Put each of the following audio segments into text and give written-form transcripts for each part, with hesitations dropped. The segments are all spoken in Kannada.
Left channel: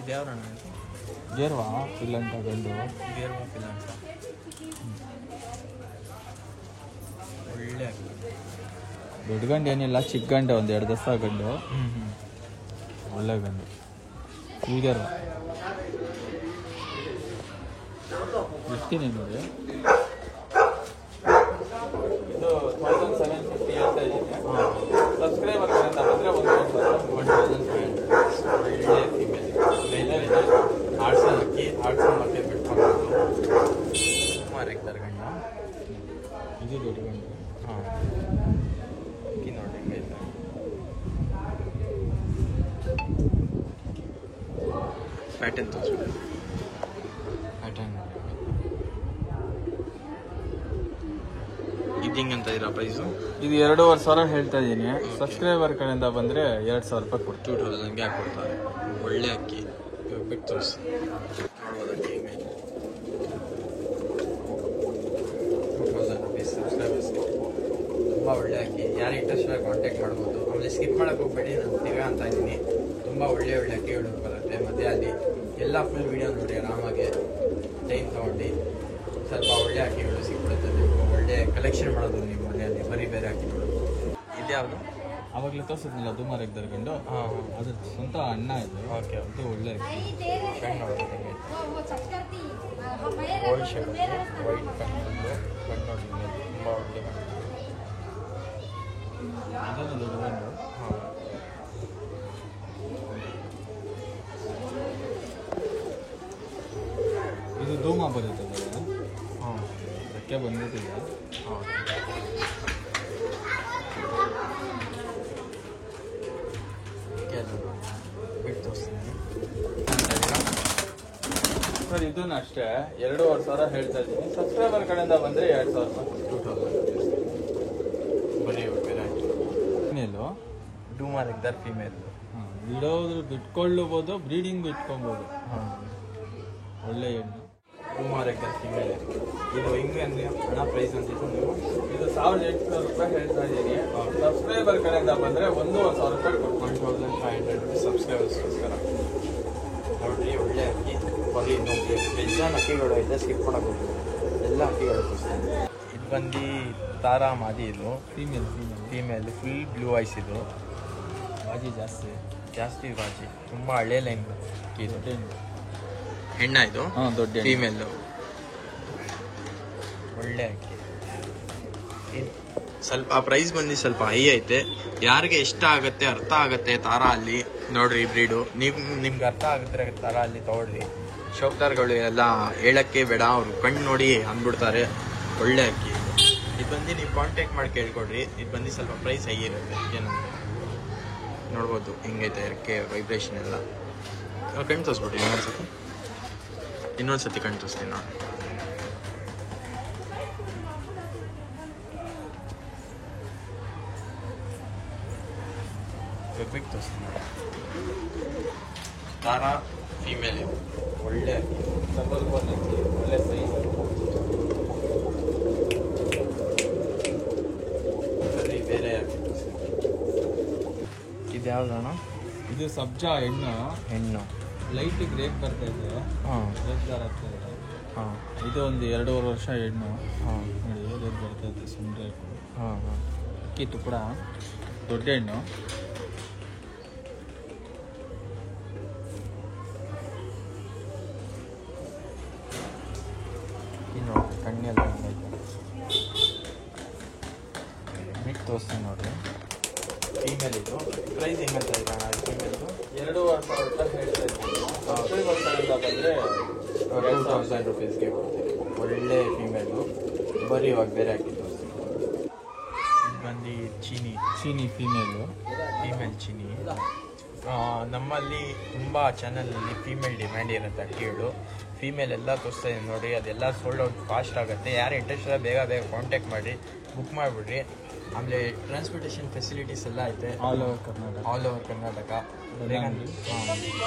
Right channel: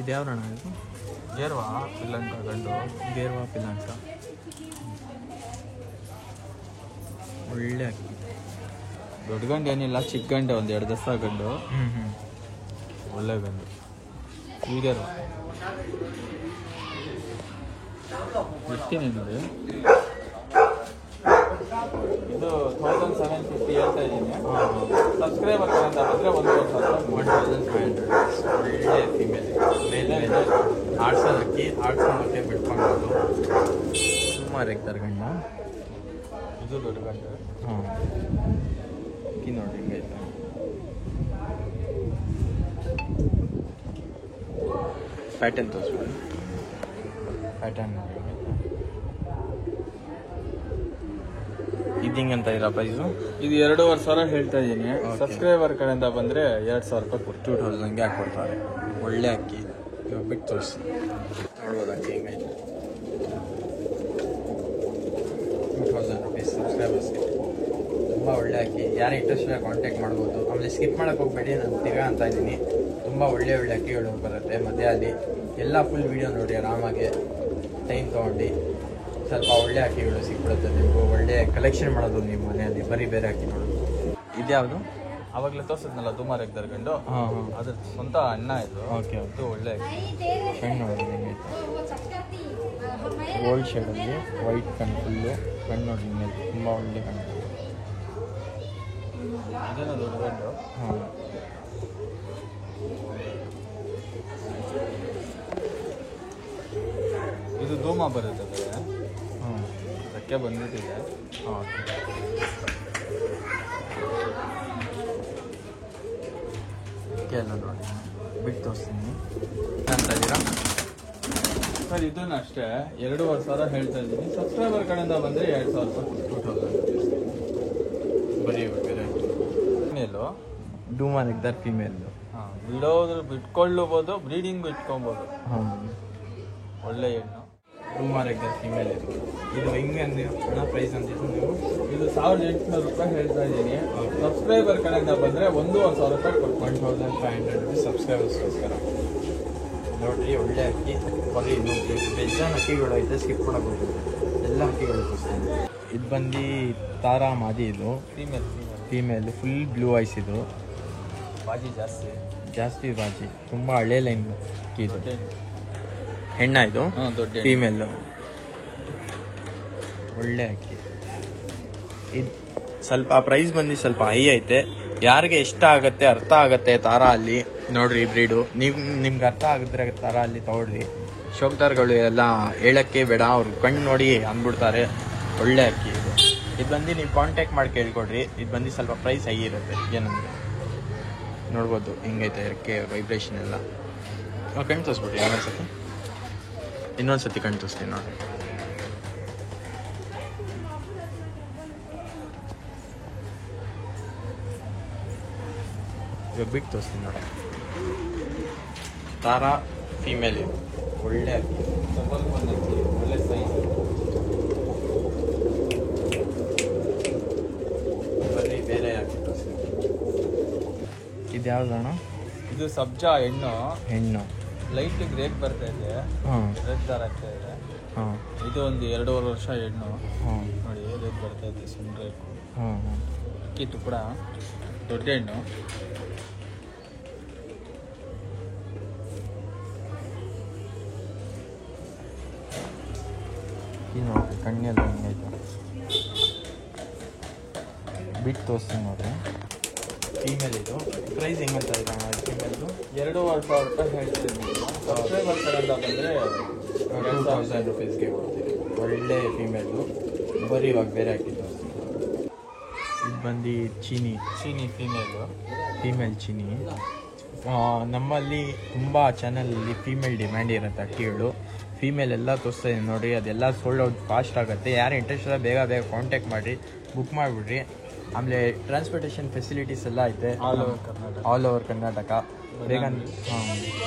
ಇದು ಯಾವ ಅಣ್ಣ ಇದು? ಗೇರ್ವಾ ಪಿಲ್ಲಂಕ ಗಂಡು ಗೇರ್ವಾ ಪಿಲ್ಲಂಕ ಒಳ್ಳೆ ಅಕ್ಕಿ. ದೊಡ್ಡ ಗಂಡು ಏನಿಲ್ಲ, ಚಿಕ್ಕ ಗಂಡು ಒಂದು 2 ದಸ್ತ ಗಂಡು. ಒಳ್ಳೆ ಗಂಡು ಹೀಗೇರ್ವಾ ಬಿಡ್ತೀನಿ ನೋಡಿ. ಇದು 1750 ಹೇಳ್ತಾ ಇದ್ದೀನಿ. ಸಬ್ಸ್ಕ್ರೈಬರ್ ಅಂತ ಬಂದರೆ 1500 ಒಳ್ಳೆ ಫಿಮೇಲ್ ಮೇಲೆ ಆಡ್ಸೋದಕ್ಕಿ ಆಡ್ಸೋದಕ್ಕೆ ಬಿಟ್ಕೊಂಡು ಸುಮಾರು ಎಕ್ತಾರೆ ಗಂಡು. ಇದು ದೊಡ್ಡ ಗಂಡು. ಅಕ್ಕಿ ನೋಡಿ ಹೆಂಗೆ ಪ್ಯಾಟರ್ನ್ ತೋರಿಸ್ಬಿಡಿ. ಪ್ಯಾಟರ್ನ್ ಇದು ಹಿಂಗಂತ ಇರೋ ಪ್ರೈಸು? ಇದು 2,500 ಹೇಳ್ತಾ ಇದ್ದೀನಿ. ಸಬ್ಸ್ಕ್ರೈಬರ್ ಕಡೆಯಿಂದ ಬಂದರೆ 2,000 ರೂಪಾಯಿ ಕೊಟ್ಟು 2000ಗೆ ಹಾಕ್ಕೊಡ್ತಾರೆ. ಒಳ್ಳೆ ಅಕ್ಕಿ. ಇವಾಗ ಬಿಟ್ಟು ತೋರಿಸಿ ನೋಡ್ಬೋದು ಅಕ್ಕಿ ಹಿಂಗೈತೆ. 2000 ರುಪೀಸ್ ಸಬ್ಸ್ಕ್ರೈಬರ್ಸ್ಗೆ. ತುಂಬ ಒಳ್ಳೆ ಅಕ್ಕಿ. ಯಾರು ಇಂಟ್ರೆಸ್ಟ್ ಇಲ್ಲ ಕಾಂಟ್ಯಾಕ್ಟ್ ಮಾಡ್ಬೋದು. ಆಮೇಲೆ ಸ್ಕಿಪ್ ಮಾಡೋಕ್ಕೆ ಹೋಗ್ಬೇಡಿ, ನಾನು ತಿರ್ಗಾ ಅಂತ ಇದ್ದೀನಿ. ತುಂಬ ಒಳ್ಳೆ ಅಕ್ಕಿಗಳು ಬರುತ್ತೆ ಮಧ್ಯದಲ್ಲಿ. ಎಲ್ಲ ಫುಲ್ ವೀಡಿಯೋ ನೋಡಿ ಆರಾಮಾಗಿ ಟೈಮ್ ತೊಗೊಂಡು ಸ್ವಲ್ಪ ಒಳ್ಳೆ ಅಕ್ಕಿಗಳು ಸಿಕ್ಬಿಡುತ್ತೆ. ನೀವು ಒಳ್ಳೆ ಕಲೆಕ್ಷನ್ ಮಾಡೋದು ನೀವು ಮನೆಯಲ್ಲಿ, ಬರೀ ಬೇರೆ ಅಕ್ಕಿಗಳು. ಇದ್ಯಾವುದು? ಅವಾಗಲೇ ತೋರಿಸಿದ್ನಲ್ಲ ಧೂಮಾರ್ ಎಗ್ದರ್ ಗಂಡು. ಅದ್ರ ಸ್ವಂತ ಅಣ್ಣ ಇದು. ಓಕೆ, ಅದು ಒಳ್ಳೆ ಕಣ್ಣು ನೋಡಿ ವೈಟ್ ಕಣ್ಣು ಕಣ್ಣು ತುಂಬ ಒಳ್ಳೆ ಕಣ್ಣು. ಅದನ್ನು ದೊಡ್ಡ ಗಂಡು. ಇದು ಧೂಮ ಬರುತ್ತೆ. ರೆಕ್ಕೆ ಬಂದ್ಬಿಟ್ಟಿದೆ. ಬಿಟ್ಟು ತೋರಿಸ್ತೀನಿ ಸರ್. ಇದನ್ನು ಅಷ್ಟೇ 2,500 ಹೇಳ್ತಾ ಇದ್ದೀನಿ. ಸಬ್ಸ್ಕ್ರೈಬರ್ ಕಡೆಯಿಂದ ಬಂದರೆ 2,000 ಬರೀ ಬೇರೆ ಫೀಮೇಲು. ಧೂಮಾರ್ ಎಗ್ದರ್ ಫೀಮೇಲ್. ಬಿಡೋದ್ರು ಬಿಟ್ಕೊಳ್ಳಬಹುದು, ಬ್ರೀಡಿಂಗ್ ಇಟ್ಕೊಬೋದು. ಒಳ್ಳೆ ಹೆಣ್ಣು ಧೂಮಾರ್ ಎಗ್ದರ್ ಫೀಮೇಲ್. ಇದು ಹಿಂಗೆ ಅಂದರೆ ಹಣ ಪ್ರೈಸ್ ಅಂತಿದ್ದು ನೀವು. ಇದು 1,800 ರೂಪಾಯಿ ಹೇಳ್ತಾ ಇದ್ದೀನಿ. ಸಬ್ಸ್ಕ್ರೈಬರ್ ಕಡೆಯಿಂದ ಬಂದರೆ 1,000 ರೂಪಾಯಿ ಕೊಟ್ಟು 1,500 ರುಪೀಸ್ ಸಬ್ಸ್ಕ್ರೈಬರ್ಸ್ಗೋಸ್ಕರ ನೋಡಿರಿ. ಒಳ್ಳೆ ಅಕ್ಕಿ. ಬರೀ ನೋಡಿ ಬೆಜ್ಜಾನ್ ಅಕ್ಕಿಗಳು ಐತೆ, ಸ್ಕಿಪ್ ಮಾಡೋದು ಎಲ್ಲ ಅಕ್ಕಿಗಳು ತೋರಿಸ್ತೀನಿ. ಇದು ಬಂದು ತಾರಾ ಮಾದಿ. ಇದು ಫೀಮೇಲ್ ಫುಲ್ ಬ್ಲೂ ಐಸ್. ಇದು ಬಾಜಿ ಜಾಸ್ತಿ ಬಾಜಿ. ತುಂಬ ಹಳೆ ಲೈನ್ ಅಕ್ಕಿ ಇದು. ಹೆಣ್ಣ ಇದು ದೊಡ್ಡ ಫೀಮೇಲ್. ಒಳ್ಳೆ ಅಕ್ಕಿ. ಸ್ವಲ್ಪ ಪ್ರೈಸ್ ಬಂದು ಸ್ವಲ್ಪ ಹೈ ಐತೆ. ಯಾರಿಗೆ ಇಷ್ಟ ಆಗತ್ತೆ, ಅರ್ಥ ಆಗತ್ತೆ ತಾರಾ ಅಲ್ಲಿ ನೋಡ್ರಿ ಬ್ರೀಡು. ನಿಮ್ಗೆ ಅರ್ಥ ಆಗುತ್ತೆ ತಾರಾ ಅಲ್ಲಿ ತಗೊಳ್ರಿ. ಶೋಕ್ದಾರ್ಗಳು ಎಲ್ಲ ಹೇಳಕ್ಕೆ ಬೇಡ, ಅವ್ರು ಕಣ್ಣು ನೋಡಿ ಅಂದ್ಬಿಡ್ತಾರೆ. ಒಳ್ಳೆ ಅಕ್ಕಿ ಇದು. ಇದು ಬಂದು ನೀವು ಕಾಂಟ್ಯಾಕ್ಟ್ ಮಾಡಿ ಕೇಳ್ಕೊಡ್ರಿ. ಇದು ಬಂದು ಸ್ವಲ್ಪ ಪ್ರೈಸ್ ಹೈ ಇರುತ್ತೆ. ಏನಂದ್ರೆ ನೋಡ್ಬೋದು ಹೆಂಗೈತೆ ರೆಕ್ಕೆ ವೈಬ್ರೇಷನ್ ಎಲ್ಲ. ಕಣ್ಣು ತೋರಿಸ್ಬಿಟ್ರಿ ಇನ್ನೊಂದ್ಸತಿ ಕಣ್ಣು ತೋರಿಸ್ತೀನಿ ನೋಡಿ. ಬಿಟ್ಟು ತೋರಿಸ್ತೀನಿ ನೋಡಿ. ತಾರಾ ಫೀಮೇಲ್ ಇದು. ಒಳ್ಳೆ ಒಳ್ಳೆ ಸೈಜ್. ಬರೀ ಬೇರೆ ಇದು ಯಾವ್ದಣ್ಣ? ಇದು ಸಬ್ಜಾ ಹೆಣ್ಣು ಲೈಟ್ ಗ್ರೇಪ್ ಬರ್ತಾ ಇದೆ. ರೆಡ್ ದಾರ ಆಗ್ತಾ ಇದೆ. ಇದು ಒಂದು 2.5 ವರ್ಷ ಹೆಣ್ಣು. ನೋಡಿ ರೇಟ್ ಬರ್ತಾ ಇದೆ ಸುಮ್ಮನೆ. ಅಕ್ಕಿ ತುಪ್ಪಡ ದೊಡ್ಡ ಹೆಣ್ಣು. ಕಣ್ಣೆಲ್ಲ ಹೆಂಗೈತೆ ಬಿಟ್ಟು ತೋರಿಸ್ತೀನಿ ನೋಡ್ರಿ. ಫೀಮೇಲ್ ಇದು. ಪ್ರೈಸ್ ಹೆಂಗಂತ ಇದೆ ಫೀಮೇಲ್ದು? 2,500 ರೂಪಾಯಿ ಹೇಳ್ತೀನಿ. ಸಬ್ಸ್ಕ್ರೈಬರ್ ಕಡೆಯಿಂದ ಬಂದರೆ 2,000 ರುಪೀಸ್ಗೆ ಕೊಡ್ತೀನಿ. ಒಳ್ಳೆ ಫೀಮೇಲು. ಬರೀ ಇವಾಗ ಬೇರೆ ಹಾಕಿ ತೋರಿಸ್ತೀನಿ. ಇದು ಬಂದು ಚೀನಿ ಫೀಮೇಲ್ ಚೀನಿ. ನಮ್ಮಲ್ಲಿ ತುಂಬ ಚಾನಲಲ್ಲಿ ಫೀಮೇಲ್ ಡಿಮ್ಯಾಂಡ್ ಇರುತ್ತೆ ಅಕ್ಕಿಗಳು. ಫೀಮೇಲ್ ಎಲ್ಲ ತೋರಿಸ್ತಾ ಇದ್ದೀನಿ ನೋಡಿ. ಅದೆಲ್ಲ ಸೋಲ್ಡ್ ಔಟ್ ಫಾಸ್ಟ್ ಆಗುತ್ತೆ. ಯಾರು ಇಂಟ್ರೆಸ್ಟ್ ಇಲ್ಲ ಬೇಗ ಕಾಂಟ್ಯಾಕ್ಟ್ ಮಾಡಿ ಬುಕ್ ಮಾಡಿಬಿಡ್ರಿ. ಆಮೇಲೆ ಟ್ರಾನ್ಸ್ಪೋರ್ಟೇಷನ್ ಫೆಸಿಲಿಟೀಸ್ ಎಲ್ಲ ಐತೆ ಆಲ್ ಓವರ್ ಕರ್ನಾಟಕ. ಬೇಗ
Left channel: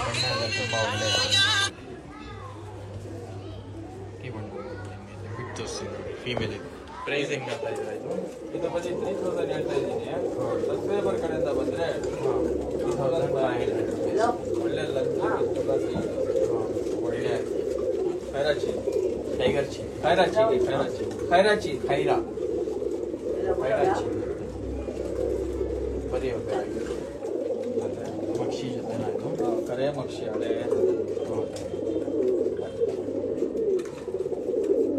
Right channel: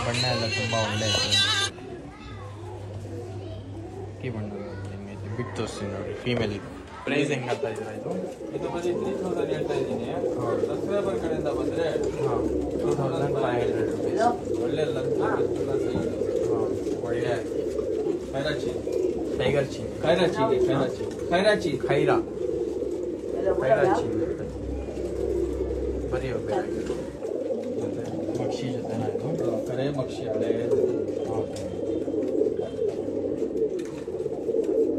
ಬಣ್ಣ ಎಲ್ಲ ತುಂಬ ಒಳ್ಳೆ ಬಿಟ್ಟು ತೋರಿಸ್ತೀನಿ ನೋಡಿ. ಫೀಮೇಲ್ ಇದು. ಪ್ರೈಸ್ ಹೆಂಗಂತ ಇದ್ರೆ ಇದು ಬರೀ 3,000 ಹೇಳ್ತಾ ಇದ್ದೀನಿ. ಸಬ್ಸ್ಕ್ರೈಬರ್ ಕಡೆಯಿಂದ ಬಂದರೆ 2,500 ರುಪೀಸ್. ಒಳ್ಳೆ ಖೈರಾಚಿ ಖೈರಾ ಖೈರಾಚಿ ಬರೀ ಮಕ್ಷಿ ಜೊತೆನ ಇದು ಕರೆ ಮಕ್ಷಿ ಹಳೆ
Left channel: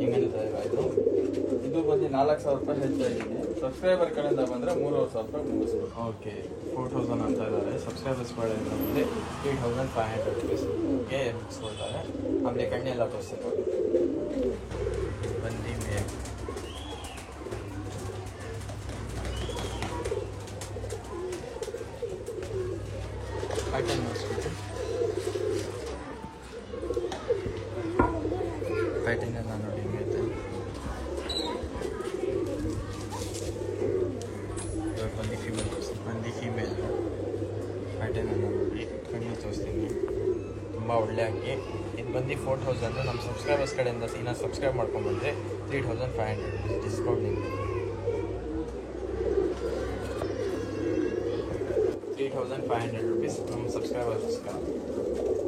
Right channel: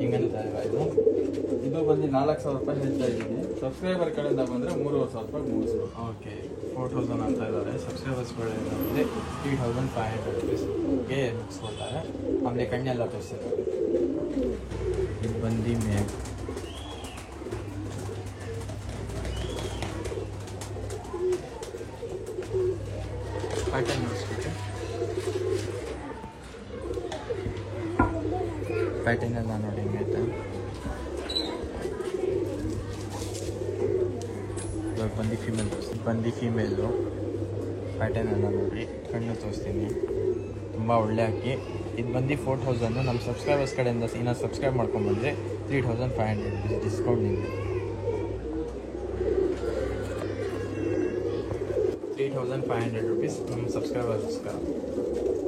ಹಿಂಗಿಲ್ಲ ಇದು ಇದು ಬಂದು 4,000 ರೂಪಾಯಿ ಹೇಳ್ತಾ ಇದ್ದೀನಿ. ಸಬ್ಸ್ಕ್ರೈಬರ್ ಕಡೆಯಿಂದ ಬಂದರೆ 3,500 ರೂಪಾಯಿ ಮುಗಿಸ್ಬೋದು. ಓಕೆ 4,000 ಅಂತ ಇದ್ದಾರೆ. ಸಬ್ಸ್ಕ್ರೈಬರ್ಸ್ ಕಡೆಯಿಂದ ಬಂದರೆ 3,500 ರುಪೀಸ್ಗೆ ಮುಗಿಸ್ಕೊಳ್ತಾರೆ. ಆಮೇಲೆ ಕಣ್ಣೆಲ್ಲ ತೋರಿಸ್ತಾರೆ. ಇದು ಬಂದು ಪ್ಯಾಟರ್ನ್ ನೋಡಿಸ್ಬಿಟ್ಟು ಪ್ಯಾಟರ್ನ್ ಎಲ್ಲ ನೋಡಿ ಹಿಂಗೈತೆ. ಇವಾಗ ಬಂದು ಫೀಮೇಲು ಪ್ಯಾಟರ್ನ್ ಎಲ್ಲ ನೋಡಿ ಕಣ್ಣು ತೋರಿಸ್ತೀನಿ. ತುಂಬ ಒಳ್ಳೆ ಅಕ್ಕಿ. ಇದು ಬಂದು 4,000. ನಮ್ಮ ಸಬ್ಸ್ಕ್ರೈಬರ್ಸ್ ಕಡೆಯಿಂದ ಇನ್ನೂ ಸಬ್ಸ್ಕ್ರೈಬ್ ಮಾಡ್ಕೊಂಡ್ಬಂದರೆ 3,500 ರುಪೀಸ್ ಡಿಸ್ಕೌಂಟ್ ನಿಮಗೆ. 3,500 ರುಪೀಸ್ ನಮ್ಮ ಸಬ್ಸ್ಕ್ರೈಬರ್ಸ್ಗೆ.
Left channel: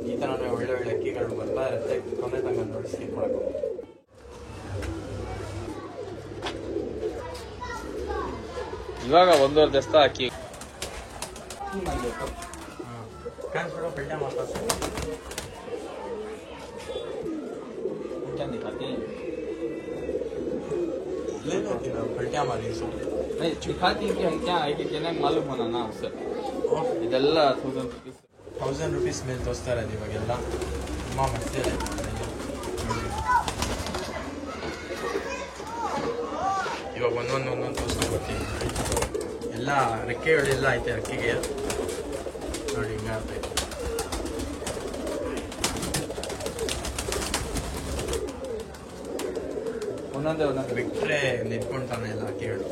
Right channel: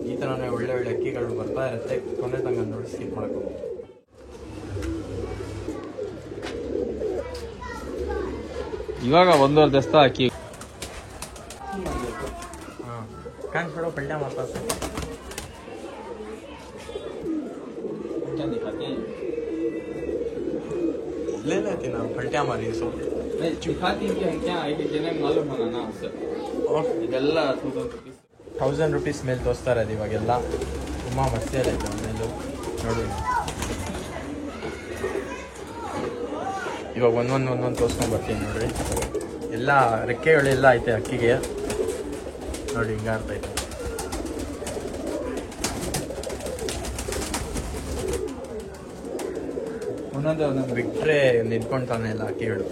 ಈ ಥರನೇ ಒಳ್ಳೆ ಒಳ್ಳೆ ಅಕ್ಕಿಗಳು ಬರ್ತಾ ಇರುತ್ತೆ. ಕೊನೆ ತನಕ ನೋಡಿ ಸ್ಕಿಪ್ ಮಾಡ್ಕೊಂಡು. ಇವಾಗ 1.5 ದಸ್ತ ಅಕ್ಕಿ ಕಾಣಿಸ್ಬಿಡೋ ಪಲ್ಯ ಮಾತಾಡ್ತಾರೆ. ले लेते ना पलटा मारी सो नहीं चुखाती कि हम क्या आएगी जिन्हें मालूम होना ना उससे ಇದೆಲ್ಲ 1,000 ರೂಪೀಸ್ ಮೇಲೆ ತೋರಿಸ್ತಾ ಇರೋದು ಇವಾಗೆಲ್ಲ. ತುಂಬ ಮಸ್ತಿ ಆಯಿತು ನೋಡಿ. ಇವಾಗ ಒಂದೊಂದು ತೋರಿಸ್ಕೊಂಡು ಬರ್ತೀನಿ ನೋಡಿ. ಎಲ್ಲ ರೆಕ್ಕೆಗಳೆಲ್ಲ ಐತೆ ಅಕ್ಕಿಗೆ ನೋಡಿ. ಹಿಂಗೆ ಆಗ್ತೈತೆ. ಇನ್ನೊಂದು ಬಿಟ್ಟರೆ ನಿಂತ್ಕೊಂತಾನೆ ಇಲ್ಲ ಅಕ್ಕಿಗಳು.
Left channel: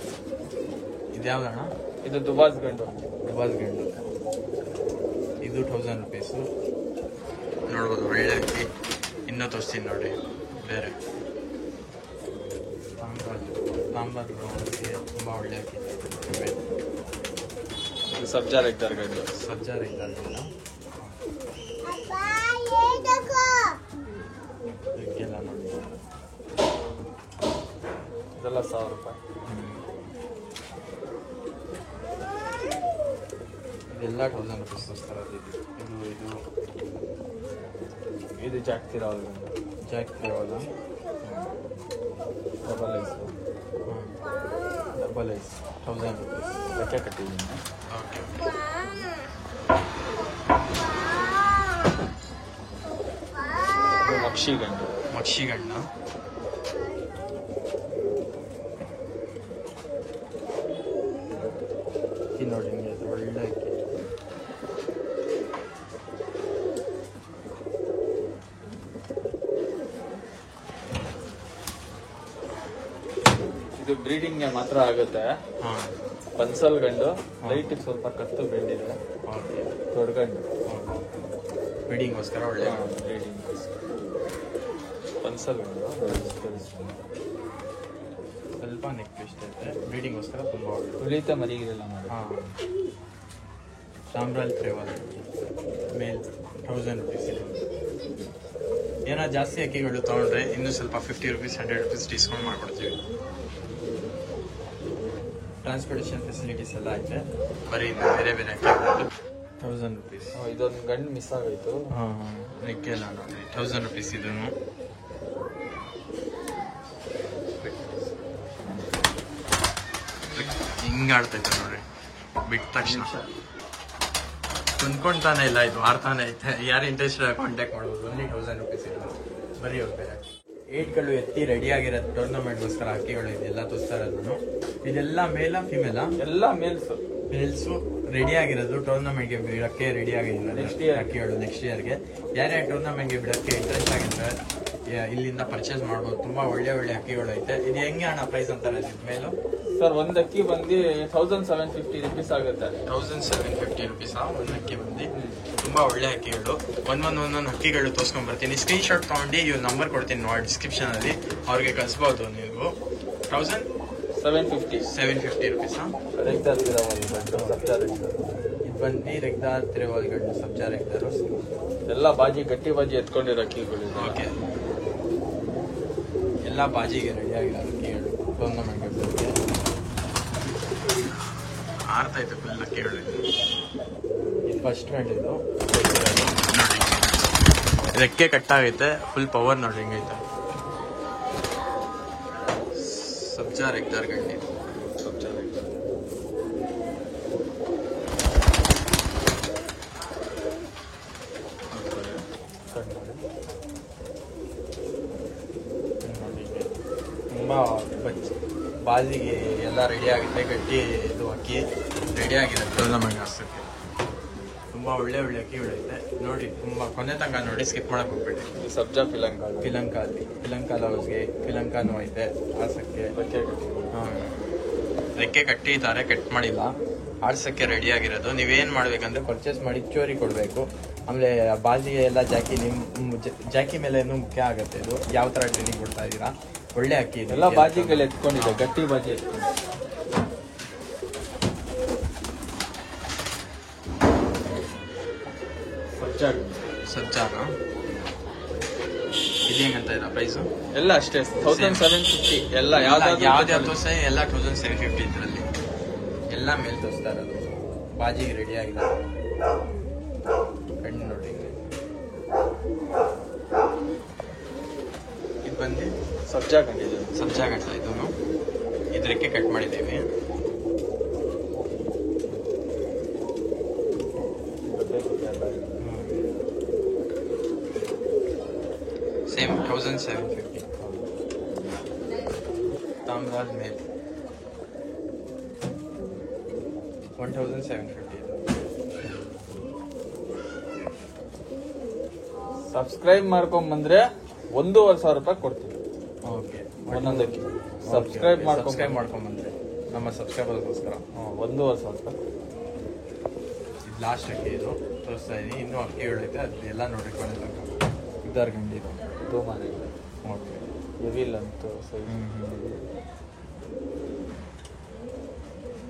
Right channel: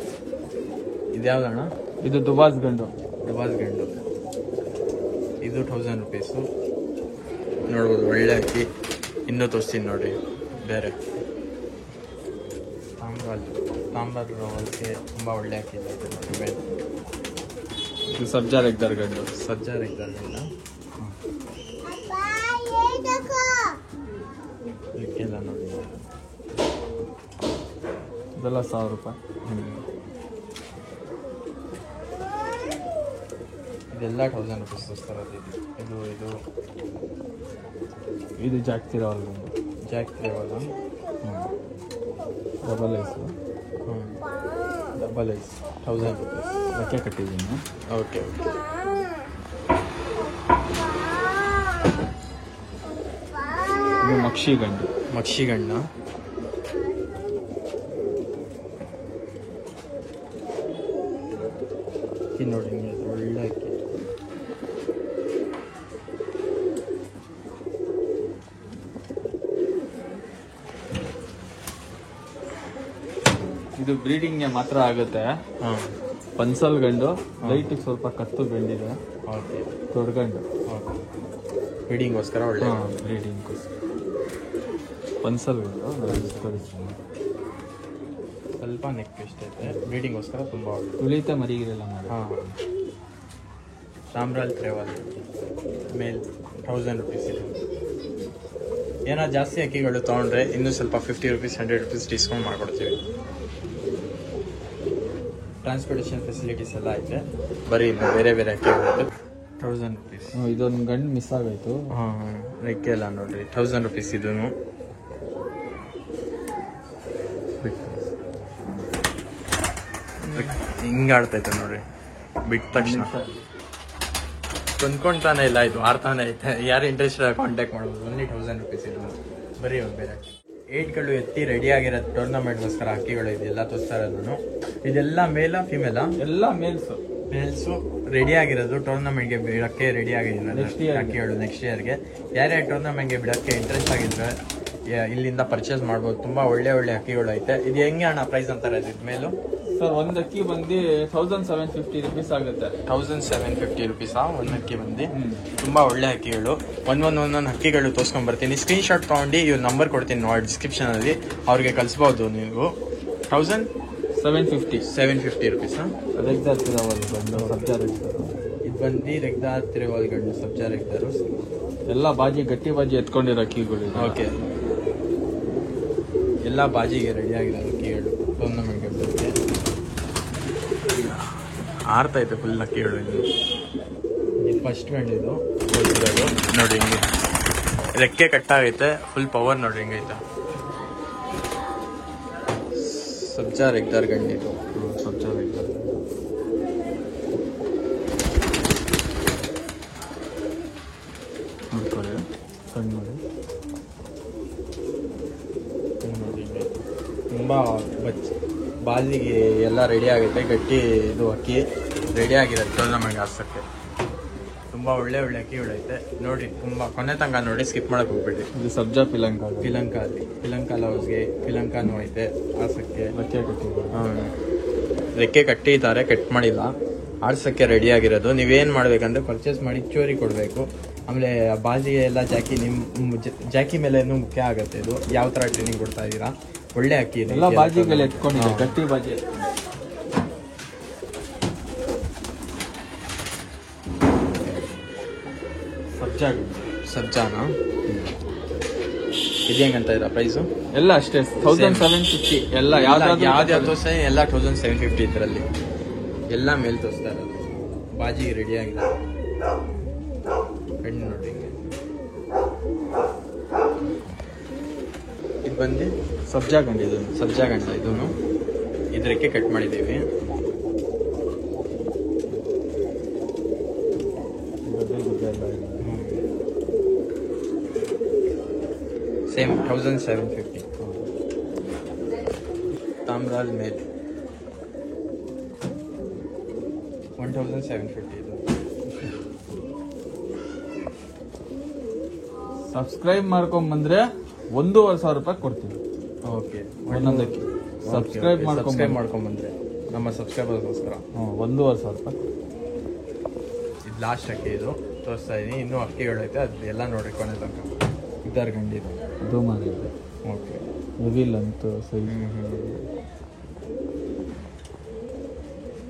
ಇದ್ಯಾವ್ದಣ್ಣ? ಇದು ದುಬಾಸ್ ಗಂಡು. ಇದು 1,000 ರೂಪೀಸು ನೋಡ್ಬೋದು. ಒಳ್ಳೆ ಅಕ್ಕಿ. ಇನ್ನೂ ತೋರಿಸ್ತೀನಿ ನೋಡಿ. ಬೇರೆ ತಾಂಬಾರು ತುಂಬ ಒಳ್ಳೆ ಅಕ್ಕಿ. ಸಬ್ಜಾ ರೆಗ್ದರ್ ಗಂಡು. ಇದೆಲ್ಲ ನೋಡಿ. ಇದೆಲ್ಲ 1,000 ರೂಪಾಯಿ. ಇದೆಲ್ಲ 1,000 ರೂಪೀಸ್ ತೋರಿಸ್ತಾರೆ. ಇದು ಜಾಸ್ತಿ ಇರೋದು ಡಬಲ್ ಐಸ್ 1,000 ರೂಪೀಸ್ ಲೆಕ್ಕ ಕಟ್ಟಿದ್ದೀನಿ. ಓಕೆ ಮಕ್ಷಿಗಂಡ ನೋಡಿ. ಒಳ್ಳೆ ಅಕ್ಕಿ. ಇದು ಬ್ರೀಡಿಂಗ್ಗೆ ಮಾತ್ರ ಆಗುತ್ತೆ. ಪನ್ಸಲ್ ಗಂಡು. ಲೈಟಿಗೆ ಸ್ವಲ್ಪ ಕತ್ತು ಗಂಡಿದೆ. ದೊಡ್ಡ ಗಂಡು ಬ್ರೀಡಿಂಗ್ಗೋಸ್ಕರ ಒಳ್ಳೆ. ಪನ್ಸಲ್ ಗಂಡು ಸ್ವಲ್ಪ ನೆಕ್ ಟ್ವಿಸ್ಟ್ ಐತೆ. ಬ್ರೀಡಿಂಗ್ಗೋಸ್ಕರ ತುಂಬ ತುಳಿತ ಮರಿಗಿರಲ್ಲ. ಸಾಂಬ್ರಾಲ್ ತ್ರೇವಾಲ್ ಮೇಲ್ 1,000 ರೂಪೀಸ್ ಇದೆ. ಏನೋ ಜಾಸ್ತಿ ಅಕ್ಕಿಗಳು ತೊಗೊಂಡ್ರೆ ಇನ್ನೂ ಸ್ವಲ್ಪ 50 ರೂಪೀಸ್ 100 ರೂಪೀಸ್ ಡಿಸ್ಕೌಂಟ್ ಮಾಡಿಕೊಡ್ತೀವಿ. ಟ್ರಾನ್ಸ್ಪೋರ್ಟೇಷನ್ ಫೆಸಿಲಿಟೀಸ್ ಎಲ್ಲ ಐತೆ. ಬರೀ ಇನ್ನು ಬೇರೆ ಅಕ್ಕಿಗಳು 1,000 ರೂಪೀಸ್. ಇದೊಂದು ಗಂಡು ಮಿಸ್ ಆಗೋಯ್ತು. ರೆಕ್ಕೆಲ್ಲ ನೋಡ್ರಿ 1,000 ರೂಪೀಸ್. ಇದೂ ಹಿಂಗೆ ಆಡ್ತೈತೆ ನೋಡ್ರಿ. ಬಿಟ್ಟ ತಕ್ಷಣ ಕೊಂಡ್ಕೊಂತಾನೆ ಇಲ್ಲ. ಇದು ಆಡ್ತಾನೆ ಐತೆ. ಯಾರು ಇಂಟ್ರೆಸ್ಟ್ ಕಾಂಟ್ಯಾಕ್ಟ್ ಮಾಡೋದು. ಓನ್ಲಿ 1,000 ರೂಪೀಸ್ ಇದು. ಬರೀ ಬೇರೆ 8ಗಳು ಎತ್ತಿ ರೆಡಿ ಆಗಿರೋ ಟೂರ್ನಮೆಂಟ್ಗೋಸ್ಕರ ಅಕ್ಕಿಗಳು ಇದೆಲ್ಲ ತೋರಿಸ್ತಾ ಇರೋದು. ಇದೆಲ್ಲ ಮೇಲ ಫಿಮೇಲ? ಎಲ್ಲ ಮೇಲ್ಸು ರೆಡಿ ಆಗಿರೋದು. ಟೂರ್ನಮೆಂಟ್ಗೆ ಬಿಡಕ್ಕೆ ರೆಡಿ ಆಗಿದ್ದೀನಿ ಅಕ್ಕಿಗಳು. ನೆಕ್ಸ್ಟ್ ಇಯರ್ಗೆ ಯಾರ್ಯಾರು ಟೂರ್ನಮೆಂಟ್ಗೆ ಬಿಡಕ್ಕೆ ಇಂಟ್ರೆಸ್ಟ್ ಆಗಿದ್ರೆ ಇಲ್ಲಿಂದ ಪರ್ಚೇಸ್ ಮಾಡ್ಬೋದು. ತುಂಬ ಒಳ್ಳೆ ಅಕ್ಕಿಗಳು ಐತೆ. ಇದು ಹೆಂಗೆ ಅಣ್ಣ ಪ್ರೈಸ್ ಅಂತಾರೆ ಇದು ಮೇಲು? ಸರ್ ಒಂದು ಅಕ್ಕಿ ಬಂದು 1,750 ರೂಪೀಸ್ ಆಗುತ್ತೆ. 1,750 ರೂಪೀಸಾ ಒಂದು ಅಕ್ಕಿ ಬಂದು? ತುಂಬಾ ಒಳ್ಳೆ ಅಕ್ಕಿಗಳು. ಒಂದೊಂದು ಅಕ್ಕಿಗಳು ತೋರ್ಸ್ಕೊಂಡ್ ಬರ್ತೀನಿ. ಸ್ಕ್ರೀನ್ ಶಾಟ್ ತಗೊಂಡು ಇವ್ರ ನಂಬರ್ ಕೊಡ್ತೀನಿ ನೋಡಿ ಡಿಸ್ಕ್ರಿಪ್ಷನ್ ಅಲ್ಲಿ. ಅವ್ರಿಗೆ ಕಳಿಸಬಹುದು ನೀವು. 1,750 ರೂಪೀಸ್. ಇದು ಬಂದು ರೆಗ್ದಾ ತಿರುವಲ್ ಗಂಡು ಸಬ್ಜಾ ರೆಗ್ದಾರು. ಎಲ್ಲ ಗಟ್ಟಿ ಬಾಜಿ ಎತ್ಕೊಂಡಿರೋ ಅಕ್ಕಿಗಳು. ಓಕೆ ಎಲ್ಲ ಬಾಜಿಗೆ ರೆಡಿ ಆಗಿದೆ ಅಕ್ಕಿಗಳು ಟೂರ್ನಮೆಂಟ್ಗೆ ಆರ್ತೈತೆ ಫುಲ್ ಅಕ್ಕಿಗಳು. ಇದು ಫಸ್ಟ್ ಗಂಡಿದು ನೋಡಿ ಹಿಂಗೆ ರೆಕ್ಕೆ ಕಟ್ಟಾಗೈತೆ, ಫುಲ್ ಪವರ್ ನೋಡಿ ಹಿಂಗೈತೆ. ಸಬ್ಜಾ ರೆಗ್ದಾರ್ ಗಂಡಿದು ಸಬ್ಜಾ ರೆಗ್ದಾರ್. ತುಂಬ ಬಾಲಿಗೆ ಎಲ್ಲ ರೆಡಿ ಆಗುತ್ತೆ, ಗಟ್ಟಿ ಇದು ಅಕ್ಕಿ ರೆಡಿ ಆಗಿದೆ ಟೂರ್ನಮೆಂಟ್ ಆಡ್ಸೋಕ್ಕೆ. ತುಂಬ ಒಳ್ಳೆ ಒಳ್ಳೆ ಅಕ್ಕಿಗಳೈತೆ ನೋಡಿ, ತುಂಬ ಕೊನೆ ತನಕ ನೋಡಿ, ಸ್ಕಿಪ್ ಮಾಡಕ್ಕೆ ಹೋಗ್ಬೇಡಿ. ಇದು ಸಬ್ಜಾ ಪಿಲಂಕ ಲವ್ಸ್ಗೆ ಪಿಲಂಕಾನು ಐತೆ ಆಡ್ಸಕ್ಕೆ. ರೆಕ್ಕೆ ಕಟ್ಟಿದ್ದಾರೆ, ಕಟ್ ಮಾಡಿಲ್ಲ, ಆಡ್ಸಕ್ಕೆ ರೆಡಿ ಆಗಿರೋದು. ನೀವೇನು ಮಾಡ್ಬೇಕಂದ್ರೆ ಪರ್ಚೇಸ್ ಮಾಡಿ ಚೋರಿ ಕೊಡಬೇಕು. ಆಮೇಲೆ ಬಾಜಿ ಎಲ್ಲ ಜಾಕಿ ಮೇಲೆ ಮುಖ್ಯ ಆಗುತ್ತೆ. ಇದು ಯಾವ ಥರ ಟ್ರೈನಿಂಗ್ ಕೊಡ್ತಾ ಇದ್ದೀರಾ, ಒಳ್ಳೆ ಅಕ್ಕಿ ಇದೆ. ಎಲ್ಲ ಬಾಜಿಗಳು ಎತ್ಕೊಂಡು ಗಟ್ಟಿ ಬಾಜಿ ಎತ್ಕೊಂಡು ಸಬ್ಜಾನ ಇದು ಹೆಂಗಂತ ಇದೆ ಪ್ರೈಸು? ಎಲ್ಲ ಅಷ್ಟೇ 1750. ಎಲ್ಲ ಯಾವ್ದು ಸಹ ಎಲ್ಲ 1750 ಇದರಲ್ಲಿ ಎಲ್ಲ ಮೇಲೆ ತೋರಿಸ್ತಾರೆ. ಬಾಜಿಗೆ ರೆಡಿ ಆಗಿದೆ. ಹಣ್ಣು ನೋಡಿ, ಇದು ಬಂದು ಸಬ್ಜಾ ಗಂಟ. ಇದನ್ನು ಇದಕ್ಕೆ ಕಟ್ ಮಾಡಿದ್ದೀವಿ. ಸೇಮ್ 1750. ತಾಮ್ರಾಲ್ ಮೇಲೆ 1750 ಇದು. ಸಬ್ಸ್ಕ್ರೈಬ್ ಮಾಡ್ಕೊಂಡ್ ಬಂದ್ರೆ 1,500 ರೂಪಾಯಿ ಕೊಡ್ತೀವಿ. ಓಕೆ, ಒಂದೊಂದಕ್ಕೆ ಸಬ್ಸ್ಕ್ರೈಬ್ ಮಾಡ್ಕೊಂಡ್ ಬಂದ್ರೆ ನಮ್ಮ ಸಬ್ಸ್ಕ್ರೈಬರ್ಗೋಸ್ಕರ 1,500 ರೂಪಾಯಿ. ಇದು ಲಾಸ್ಟ್ ಅಕ್ಕಿ, ಇದು ತೋರಿಸ್ತಾ ಇದೀನಿ. ಇನ್ನೂ ಅಕ್ಕಿಗಳೈತೆ, ಅದು ಎಲ್ಲ ನೋಡಿ ಕೊನೆ ತನಕ. ಇದಾರ್ ಗಂಡಿ ಇದು ಮಾಡಿ ಓಕೆ. ಇವಿಲ್ಲ ಅಂತೂ ಸರಿ.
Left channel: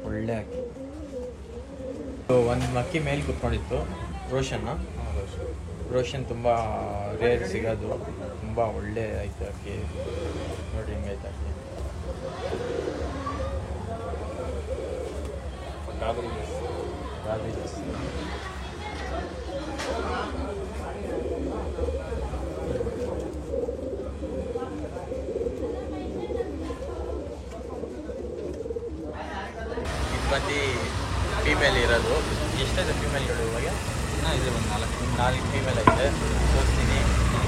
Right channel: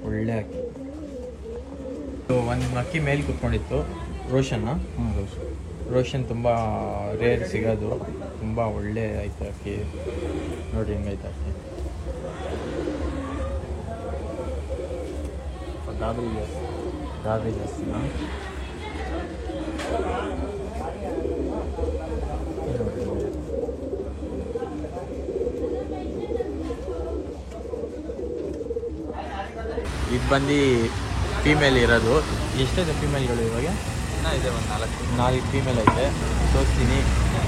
ಒಳ್ಳೆ ಅಕ್ಕಿ. ಒಂದು ಅಕ್ಕಿ ಮೇಲೆ ಕುತ್ಕೊಂಡಿತ್ತು, ರೋಷನ್ ತುಂಬ ರೇರ್ ಸಿಗೋದು, ತುಂಬ ಒಳ್ಳೆ ಐತೆ ಅಕ್ಕಿ ನೋಡಿ ಹೆಂಗೈತೆ ಅಕ್ಕಿ. ಗಾಬರಿ ಜಾಸ್ತಿ. ಇದು ಬಂದು ಫೀಮೇಲ್ ಇರೋದು. ಎಷ್ಟಿದೆ ಫೀಮೇಲ್ ಇರೋದು ಇವಾಗ? ಇದೆ, ಒಂದು 4 ಫೀಮೇಲ್ ಐತೆ, ತೋರಿಸ್ತೀನಿ.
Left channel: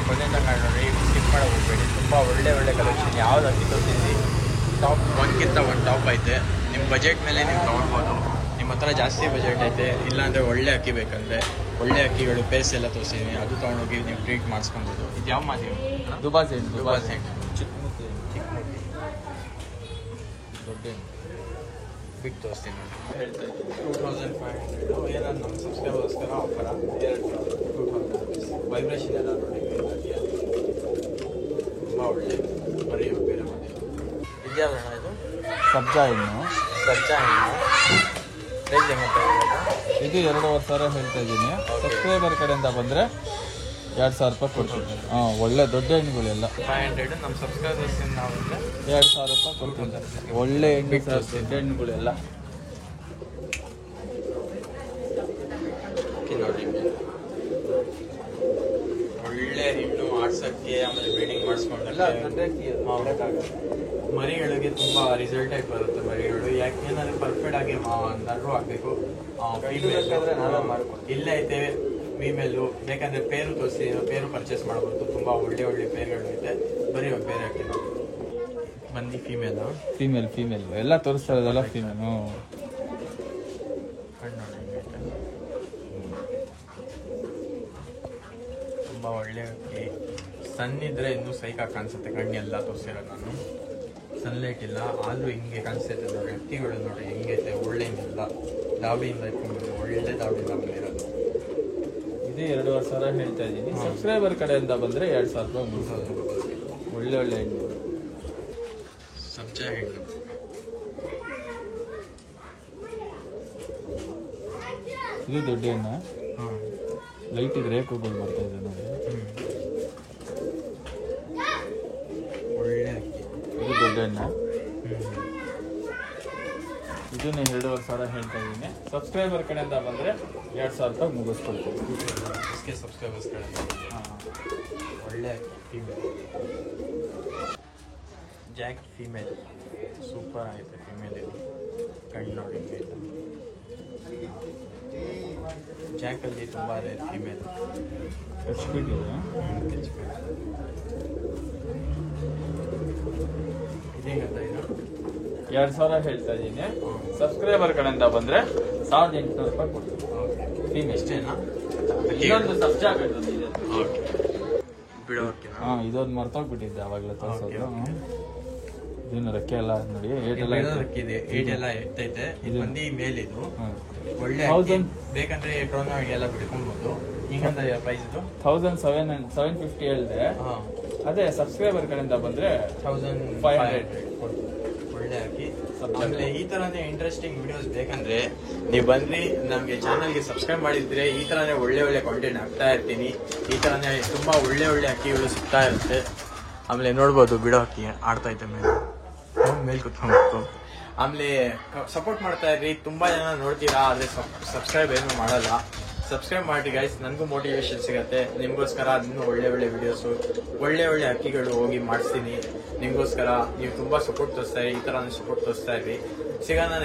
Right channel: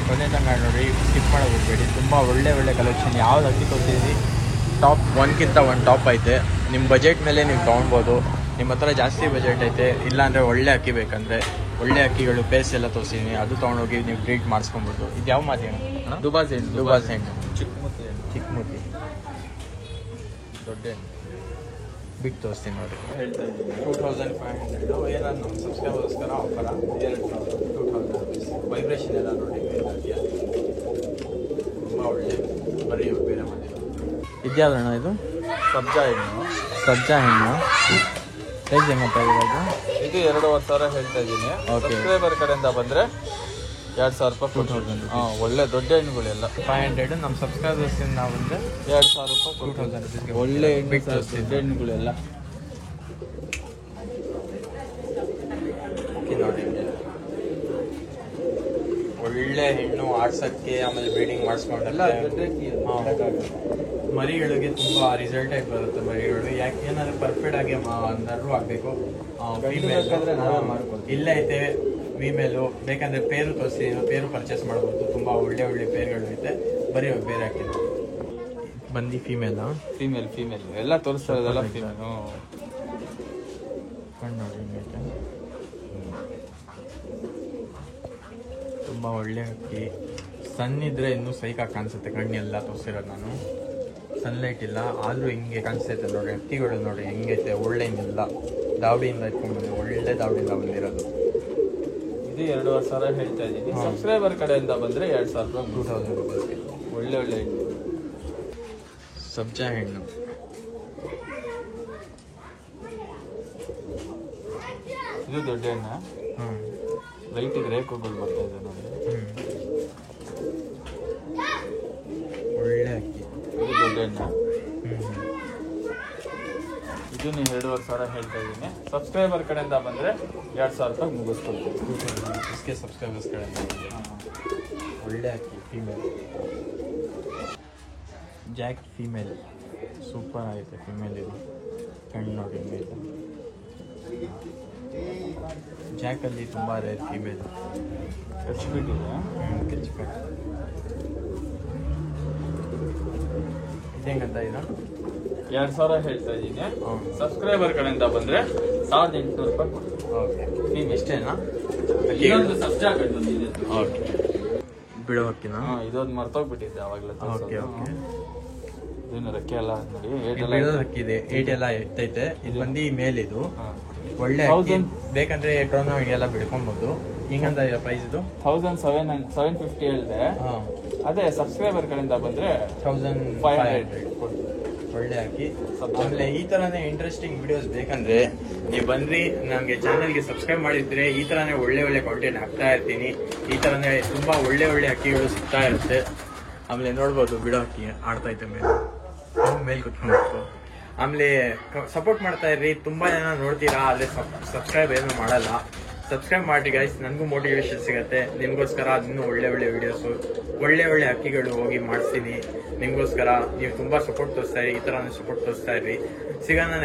ಕೊನೆ ತನಕ ನೋಡಿ, ಸ್ಕಿಪ್ ಮಾಡೋಕೆ ಹೋಗ್ಬೇಡಿ. ತುಂಬ ಒಳ್ಳೆ ಕಲೆಕ್ಷನ್. ಯಾವ್ದು ಅಕ್ಕಿ ತೋರಿಸಿದ್ವಿ, ಟಾಪ್ ಒಂದ್ಕಿಂತ ಒಂದು ಟಾಪ್ ಐತೆ. ನಿಮ್ಮ ಬಜೆಟ್ ಮೇಲೆ ನೀವು ತೊಗೊಳ್ಬೋದು. ನಿಮ್ಮ ಹತ್ರ ಜಾಸ್ತಿ ಬಜೆಟ್ ಐತೆ, ಇಲ್ಲಾಂದರೆ ಒಳ್ಳೆ ಅಕ್ಕಿ ಬೇಕಂದರೆ ಒಳ್ಳೆ ಅಕ್ಕಿಗಳು ಪೇಸ್ ಎಲ್ಲ ತೋರಿಸಿದ್ದೀನಿ, ಅದು ತೊಗೊಂಡೋಗಿ ನೀವು ಟ್ರೀಟ್ ಮಾಡಿಸ್ಕೊಬೋದು. ಇದು ಯಾವ ಮಾತಿ? ದುಬಾಸ್ ಹೆಣ್ಣು. ಚಿಕ್ಕ ದೊಡ್ಡ ಬಿಟ್ಟು ತೋರಿಸ್ತೀನಿ ನೋಡಿ. 2500 ಏನಾದ್ರು ನಮ್ಮ ಸಬ್ಸ್ಕ್ರೈಬರ್ಸ್ಕರ ಆಫರ್. 2000 ವೈಬ್ರೇಷನ್ ಎಲ್ಲ ನೋಡಿ, ತುಂಬ ಒಳ್ಳೆ ಬರೀ ಬೇರೆ ಮಾಡಿ. ಇದ್ಯಾವೇನೋ ಇದು ಸಬ್ಜಾ ಹಣ್ಣು. ರೇಂಜ್ ಹೆಂಗಂತ ಇವಾಗ? ಇದು 2,500 ಹೇಳ್ತಾ ಇದ್ದೀನಿ. ಸಬ್ಸ್ಕ್ರೈಬರ್ ಕಡೆಯಿಂದ ಬಂದರೆ 2,000 ರೂಪಾಯಿ ಕೊಡ್ತೀನಿ. ಒಳ್ಳೆ ದೊಡ್ಡ ಹಣ್ಣುಗಳೆಲ್ಲ 500. ನಮ್ಮ ಸಬ್ಸ್ಕ್ರೈಬರ್ಸ್ಗಿಂತ ಬಂದರೆ 2,000 ರೂಪಾಯಿ ಕೊಡ್ತೀನಿ. ಒಳ್ಳೆ ಹಣ್ಣು ಸರ್, ದೊಡ್ಡ ಹಣ್ಣುಗಳೆಲ್ಲ ನೋಡಿ. ಒಳ್ಳೆ ಹೆಣ್ಣು ಆಡ್ಸಕ್ಕೆ, ಆಮೇಲೆ ಬ್ರೀಡಿಂಗ್ ಮಾಡಿಸ್ಕೊಂಡ್ರೆ ಮರಿಗಳಿಗೆ ತುಂಬ ರಿಸಲ್ಟ್ ಆಗಿ ಬರುತ್ತೆ. ಮರಿಗಳು ಯಾಕೆ ಏನಾದ್ರು ಪರ್ಫೆಕ್ಟ್ ಆಗಿ ನರು ಆಗಬೇಕು. ಫೀಮೇಲ್ ಇಲ್ಲೇ ಐತೆ ಫೀಮೇಲು, ಬೇಕಂದ್ರೆ ಪೇರು ತೋರಿಸಿ, ಪೇರು ಪರ್ಚೇಸ್ ಮಾಡ್ಬೋದು. ತುಂಬ ಒಳ್ಳೆ ಪೇರುಗಳು ಐತೆ. ಬರೀ ಬೇರೆ ಹಾಕಿಲ್ಲ ಬಂದು ಫೀಮೇಲ್ ಎಲ್ಲ ತೋರಿಸ್ತಾ ಇರೋದಲ್ಲ ಫೀಮೇಲು. ಕಣ್ಣು ನೋಡಿ, ತುಂಬ ಒಳ್ಳೆ ಅಕ್ಕಿ. ಸಣ್ಣಿದ್ರೆ ಇನ್ನೂ ಸೈಕಾಗಿ ಕಾಣಿಸುತ್ತೆ. ಕಣ್ಣೆಲ್ಲ ತೋರಿಸಿರೋದು ನಾನು. ಸನ್ಲೈಟ್ ಇಲ್ಲ ಆದರೂ ಹಿಂಗೆ ಕಾಣಿಸ್ತೈತೆ ನೋಡಿ. ಅಕ್ಕಿಗಳು ನೋಡಿ ಹೆಂಗೈತೆ, ಒಳ್ಳೆನಿಲ್ಲ. ದಾವಡಿಯಿಂದ ಒಳ್ಳೆ ದಾವಡಿಯಿಂದ ಬಂದಿರೋದು. ಇದು 2,500 ಹೇಳ್ತಾ ಇದ್ದೀನಿ. ಸಬ್ಸ್ಕ್ರೈಬರ್ ಕಡೆಯಿಂದ ಬಂದರೆ 2,000 ರೂಪಾಯಿ, 2000 ರೂಪಾಯಿ. ಒಳ್ಳೆ ಹಣ್ಣು. ಸಬ್ಜಾ ಹಣ್ಣು ಇದು ದೊಡ್ಡ ಹಣ್ಣು. ಲೈಟ್ ರೇಖೆಗಳು ಬರ್ತಾ ಇದೆ ನೋಡಿ. ಒಳ್ಳೆ ಅಕ್ಕಿ. ಇದನ್ನ 2,500 ಹೇಳ್ತಾ ಇದ್ದೀನಿ. ಸಬ್ಸ್ಕ್ರೈಬರ್ ಕಡೆಯಿಂದ ಬಂದರೆ 2,000 ರೂಪಾಯಿ ಮುಗಿಸ್ಕೊಡ್ತೀನಿ. इसके सब्सक्राइबर्स ಕಡೆಯಿಂದ ಒಳ್ಳೆ ಫೀಮೇಲ್ ಜಾಕ್ ಫೀಮೇಲ್ ಸೂಪರ್ ಆಗಿದೆ. ಫೀಮೇಲ್ ಇದು ಕಣ್ಣು ನೋಡಿ ಜಾಕಲ್ಲಿ ತುಂಬ ರೇರ್ ಫೀಮೇಲ್ ಹಚ್ಬಿಟ್ಟು ಇದೇಂಗಂತ ಇದು 2,000 ಹೇಳ್ತಾ ಇದ್ದೀನಿ. ಸಬ್ಸ್ಕ್ರೈಬರ್ ಕಡೆಯಿಂದ ಬಂದರೆ 1,800 ರೂಪಾಯಿ ಕೊಡ್ತೀನಿ. ಓಕೆ ಇಷ್ಟೇನಾ? ಇನ್ನೊಂದು ಸಬ್ಜಾ ಕಟ್ಟೋದು ಇದೆ. ಓಕೆ ಬಿಡೋಕಿನ ಇದೊಂದು ಮರ್ತೋಗ್ಬಿಟ್ಟಿದ್ದೆ ಅವಾಗಲೇ. ಓಕೆ ಓಕೆ ಇದನ್ನ ರೆಕ್ಕೆ ಎಲ್ಲ ನೋಡಿ ಬಿಡೋದಕ್ಕಿದೆ 8 ಎಲ್ಲ ಇರ್ತೈತೆ. ಇದು ಬಂದು ಮೇಲ್ ಇದು ಒಳ್ಳೆ ಅಕ್ಕಿ. ಬೇಕಂದ್ರೆ ಡ್ರೋನ್ ಎಲ್ಲ ಬಿಡ್ಕೊಬೋದು. ಹಿಂಗಂತ ಪ್ರೈಸ್ ಇದು 1,750 ಹೇಳಿದೆ. ಅದೇ ಸಬ್ಸ್ಕ್ರೈಬರ್ ಕಡೆಯಿಂದ ಬಂದ್ರೆ 1,500 ಒಳ್ಳೆ ಅಕ್ಕಿ. ಆಮೇಲೆ ಈ ತರನೇ ಇಂಟ್ರೆಸ್ಟಿಂಗ್ ವಿಡಿಯೋಸ್ ಬೇಕಂದ್ರೆ ನೀವು ಬಂದ್ರಿ ನಮ್ಗೆ ಚಾನೆಲ್ಗೆ ಸಬ್ಸ್ಕ್ರೈಬ್ ಮಾಡಿದ್ರೆ ಈ ತರನೇ ಒಳ್ಳೆ ಒಳ್ಳೆ ಕಾಂಟೆಂಟ್ ಹಾಕ್ತಾ ಇರ್ತೀನಿ. ಈ ತರನೇ ತುಂಬಾ ಒಳ್ಳೆ ಒಳ್ಳೆ ಅಕ್ಕಿಗಳು ಸಿಗ್ತಾ ಇರುತ್ತೆ. ಆಮೇಲೆ ನೋಡ್ಬೋದು ಬಿಡೋ ಅಕ್ಕಿ ಆಡ್ತಾ ಐತೆ ಮೇಲ್ ಕುತ್ಕೊಂಡು. ಆಮೇಲೆ ಸಪೋರ್ಟ್ ಮಾಡ್ತಾ ಇರ್ರಿ. ತುಂಬಾ ಜನ ನೋಡ್ತೀರಾ ಆದ್ರೆ ಸಬ್ಸ್ಕ್ರೈಬ್ ಏನು ಮಾಡಲ್ಲ. ಸಬ್ಸ್ಕ್ರೈಬ್ ಮಾಡಿ ಗೈಸ್, ನನಗೂ ಮೋಟಿವೇಶನ್ ಸಿಗತ್ತೆ. ನಿಮ್ಗೋಸ್ಕರ ಇನ್ನೂ ಒಳ್ಳೆ ಒಳ್ಳೆ ವಿಡಿಯೋಸು ಒಳ್ಳೆ ಒಳ್ಳೆ ಅಕ್ಕಿಗಳು ಹೋಗಿ ಮಾಡಿಸ್ತೀನಿ ನಿಮ್ಗೋಸ್ಕರ. ನೀವು ತುಂಬಾ ಸಪೋರ್ಟ್ ತೋರಿಸ್ತಾ ಇರಿ. ಈ ತರ ಸಪೋರ್ಟ್ ತೋರಿಸ್ತಾ ಇರ್ರಿ. ಸಿಗೋಣ.